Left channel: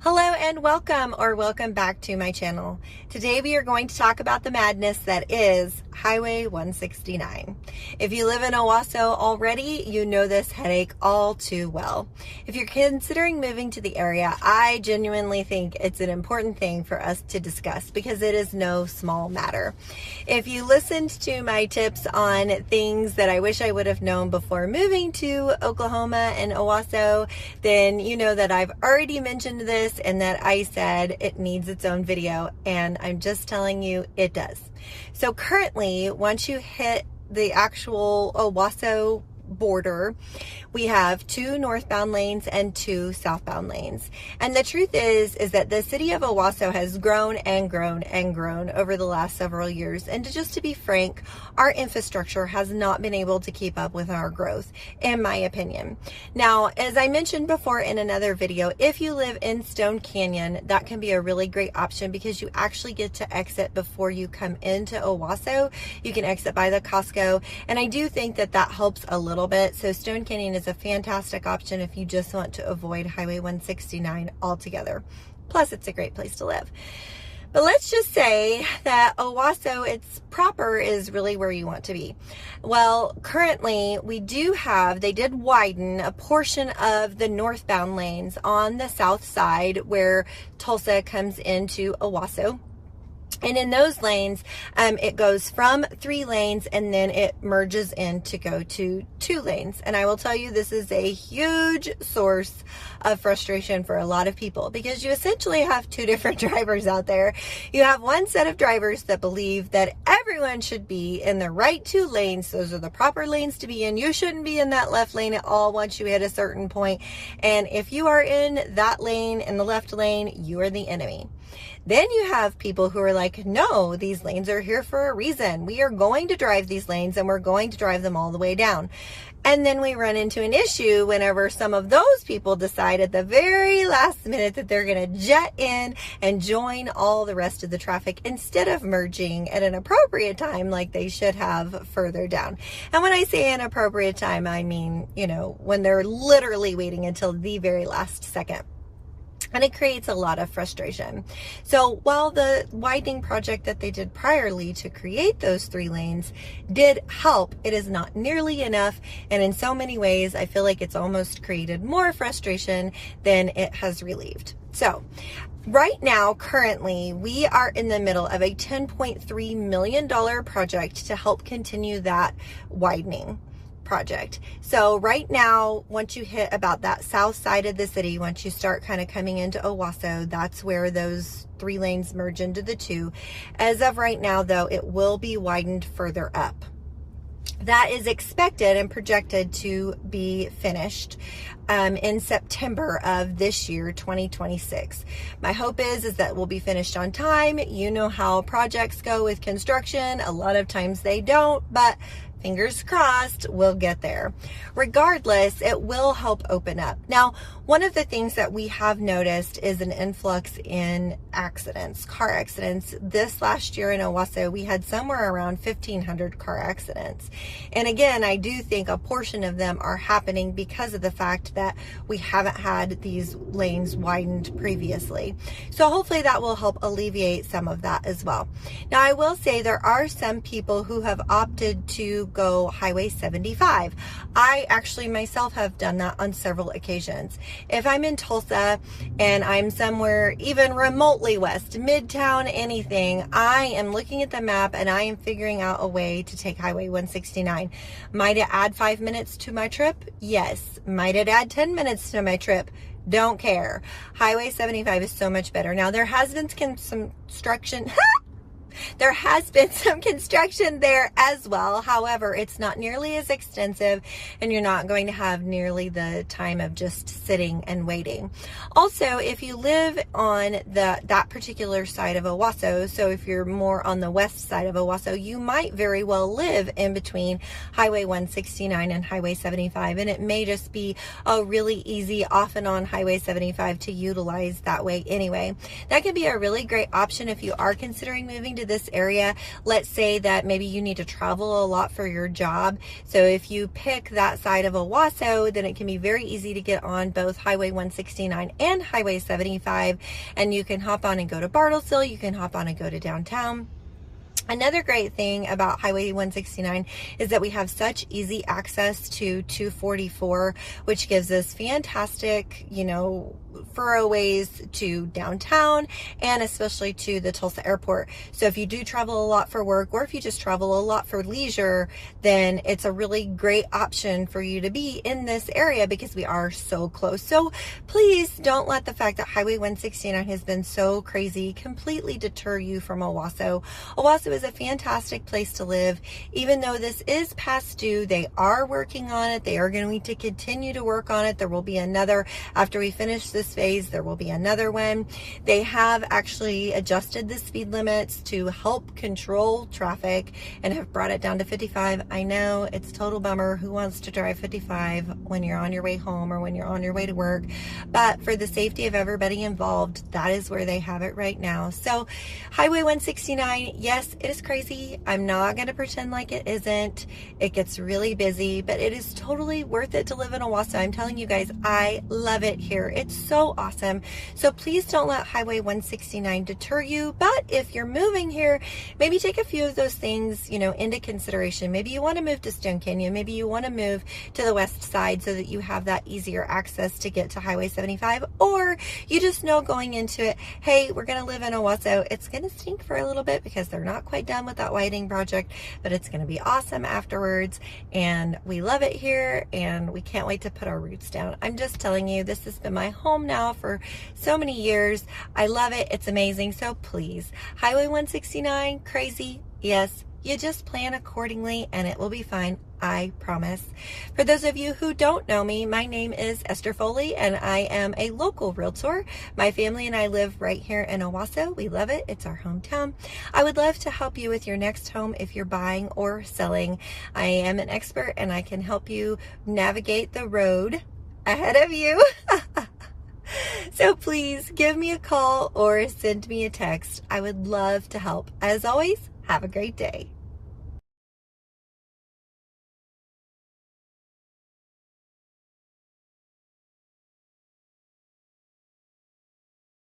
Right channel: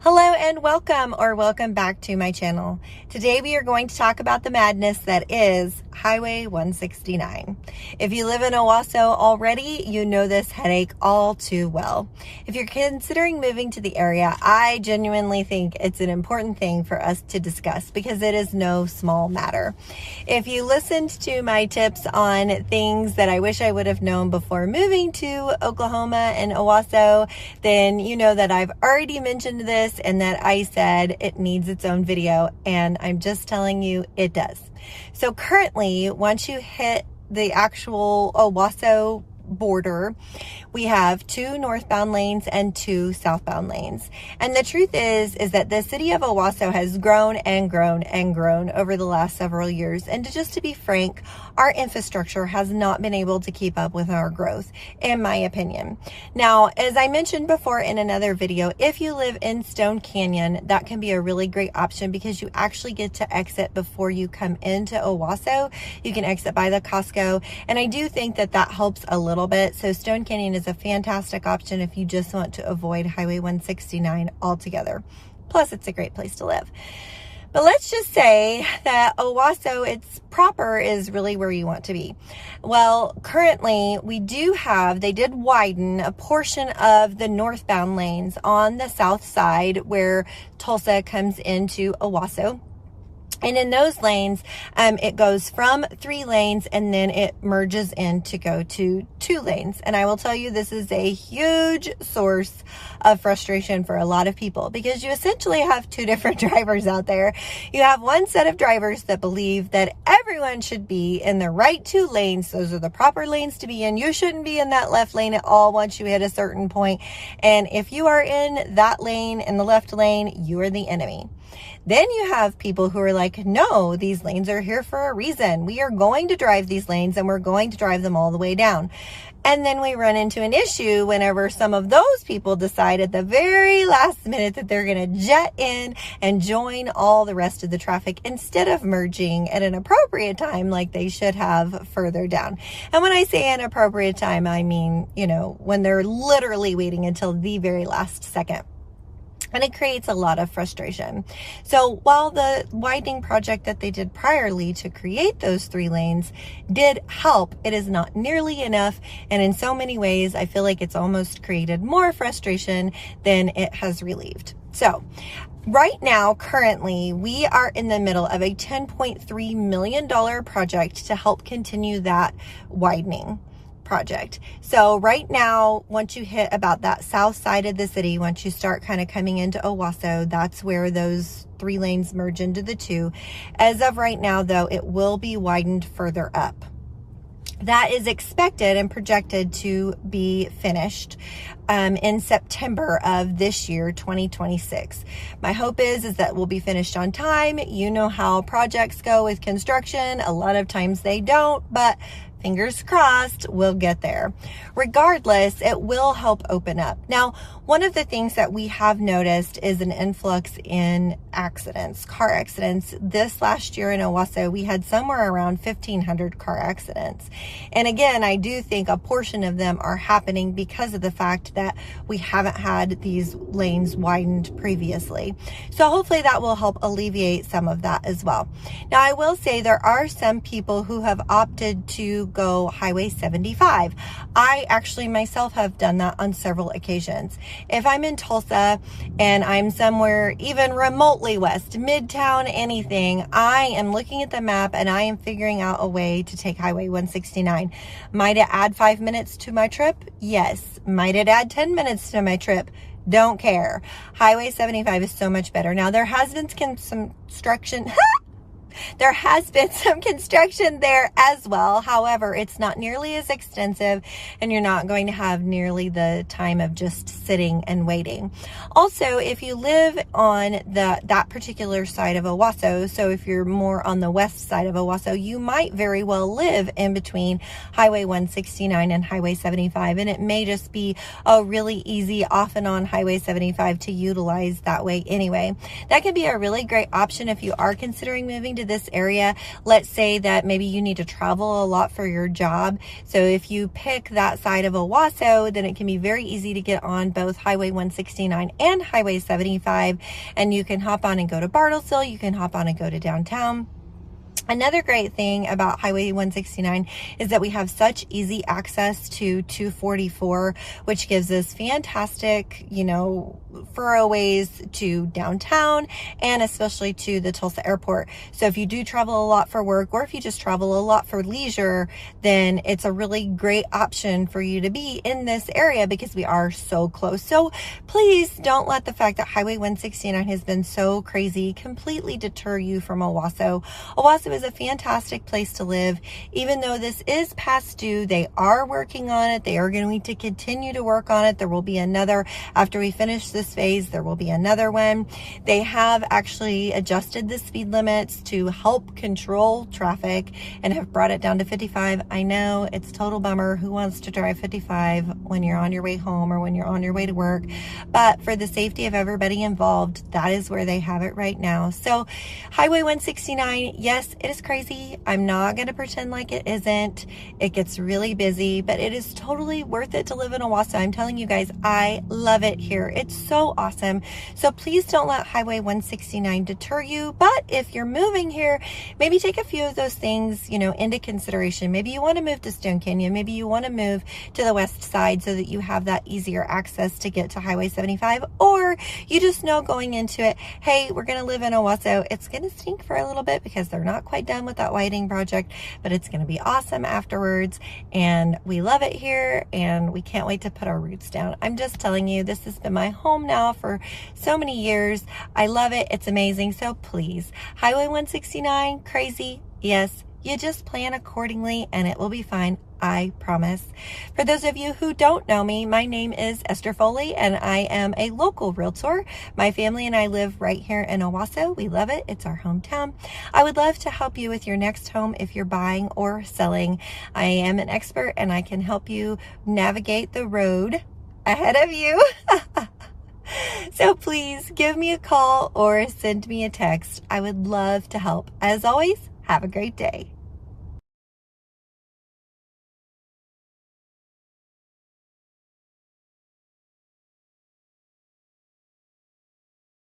Hello and welcome back to my channel. Today we are going to talk about the madness that is Highway 169. If you live in Owasso already, you know this headache all too well. If you're considering moving to the area, I genuinely think it's an important thing for us to discuss because it is no small matter. If you listened to my tips on things that I wish I would have known before moving to Oklahoma and Owasso, then you know that I've already mentioned this and that I said it needs its own video, and I'm just telling you it does. So currently, once you hit the actual Owasso border, we have 2 northbound lanes and 2 southbound lanes. And the truth is that the city of Owasso has grown and grown and grown over the last several years. And to be frank, our infrastructure has not been able to keep up with our growth, in my opinion. Now, as I mentioned before in another video, if you live in Stone Canyon, that can be a really great option because you actually get to exit before you come into Owasso. You can exit by the Costco, and I do think that that helps a little bit. So Stone Canyon is a fantastic option if you just want to avoid Highway 169 altogether. Plus, it's a great place to live. But let's just say that Owasso, its proper, is really where you want to be. Well, currently they did widen a portion of the northbound lanes on the south side where Tulsa comes into Owasso. And in those lanes, it goes from 3 lanes and then it merges in to go to 2 lanes. And I will tell you, this is a huge source of frustration for a lot of people because you essentially have 2 different drivers out there. You have one set of drivers that believe that everyone should be in the right 2 lanes. Those are the proper lanes to be in. You shouldn't be in that left lane at all once you hit a certain point. And if you are in that lane, in the left lane, you are the enemy. Then you have people who are like, no, these lanes are here for a reason. We are going to drive these lanes and we're going to drive them all the way down. And then we run into an issue whenever some of those people decide at the very last minute that they're going to jet in and join all the rest of the traffic instead of merging at an appropriate time like they should have further down. And when I say an appropriate time, I mean, when they're literally waiting until the very last second. And it creates a lot of frustration. So while the widening project that they did priorly to create those 3 lanes did help, it is not nearly enough. And in so many ways, I feel like it's almost created more frustration than it has relieved. So right now, currently, we are in the middle of a $10.3 million project to help continue that widening project. So right now, once you hit about that south side of the city, once you start kind of coming into Owasso, that's where those 3 lanes merge into the 2. As of right now, though, it will be widened further up. That is expected and projected to be finished in September of this year, 2026. My hope is that we'll be finished on time. You know how projects go with construction. A lot of times they don't, but fingers crossed, we'll get there. Regardless, it will help open up. Now, one of the things that we have noticed is an influx in accidents, car accidents. This last year in Owasso, we had somewhere around 1,500 car accidents. And again, I do think a portion of them are happening because of the fact that we haven't had these lanes widened previously. So hopefully that will help alleviate some of that as well. Now, I will say there are some people who have opted to go Highway 75. I actually myself have done that on several occasions. If I'm in Tulsa and I'm somewhere even remotely west, Midtown, anything, I am looking at the map and I am figuring out a way to take Highway 169. Might it add 5 minutes to my trip? Yes. Might it add 10 minutes to my trip? Don't care. Highway 75 is so much better. Now, there has been some construction. There has been some construction there as well. However, it's not nearly as extensive and you're not going to have nearly the time of just sitting and waiting. Also, if you live on that particular side of Owasso, so if you're more on the west side of Owasso, you might very well live in between Highway 169 and Highway 75, and it may just be a really easy off and on Highway 75 to utilize that way anyway. That could be a really great option if you are considering moving to this area, let's say that maybe you need to travel a lot for your job. So if you pick that side of Owasso, then it can be very easy to get on both Highway 169 and Highway 75, and you can hop on and go to Bartlesville, you can hop on and go to downtown. Another great thing about Highway 169 is that we have such easy access to 244, which gives us fantastic, thoroughways to downtown and especially to the Tulsa airport. So if you do travel a lot for work, or if you just travel a lot for leisure, then it's a really great option for you to be in this area because we are so close. So please don't let the fact that Highway 169 has been so crazy completely deter you from Owasso. Owasso is a fantastic place to live. Even though this is past due, they are working on it. They are going to continue to work on it. There will be another, after we finish this phase, there will be another one. They have actually adjusted the speed limits to help control traffic and have brought it down to 55. I know it's a total bummer. Who wants to drive 55 when you're on your way home or when you're on your way to work? But for the safety of everybody involved, that is where they have it right now. So Highway 169, yes, it is crazy. I'm not going to pretend like it isn't. It gets really busy, but it is totally worth it to live in Owasso. I'm telling you guys, I love it here. It's so awesome. So please don't let Highway 169 deter you. But if you're moving here, maybe take a few of those things, into consideration. Maybe you want to move to Stone Canyon. Maybe you want to move to the west side so that you have that easier access to get to Highway 75. Or you just know going into it, hey, we're going to live in Owasso. It's going to stink for a little bit because they're not quite done with that widening project, but it's going to be awesome afterwards. And we love it here and we can't wait to put our roots down. I'm just telling you, this has been my home now for so many years. I love it. It's amazing. So please, Highway 169, crazy. Yes, you just plan accordingly and it will be fine. I promise. For those of you who don't know me, my name is Esther Foley and I am a local realtor. My family and I live right here in Owasso. We love it. It's our hometown. I would love to help you with your next home if you're buying or selling. I am an expert and I can help you navigate the road ahead of you. So please give me a call or send me a text. I would love to help. As always, have a great day.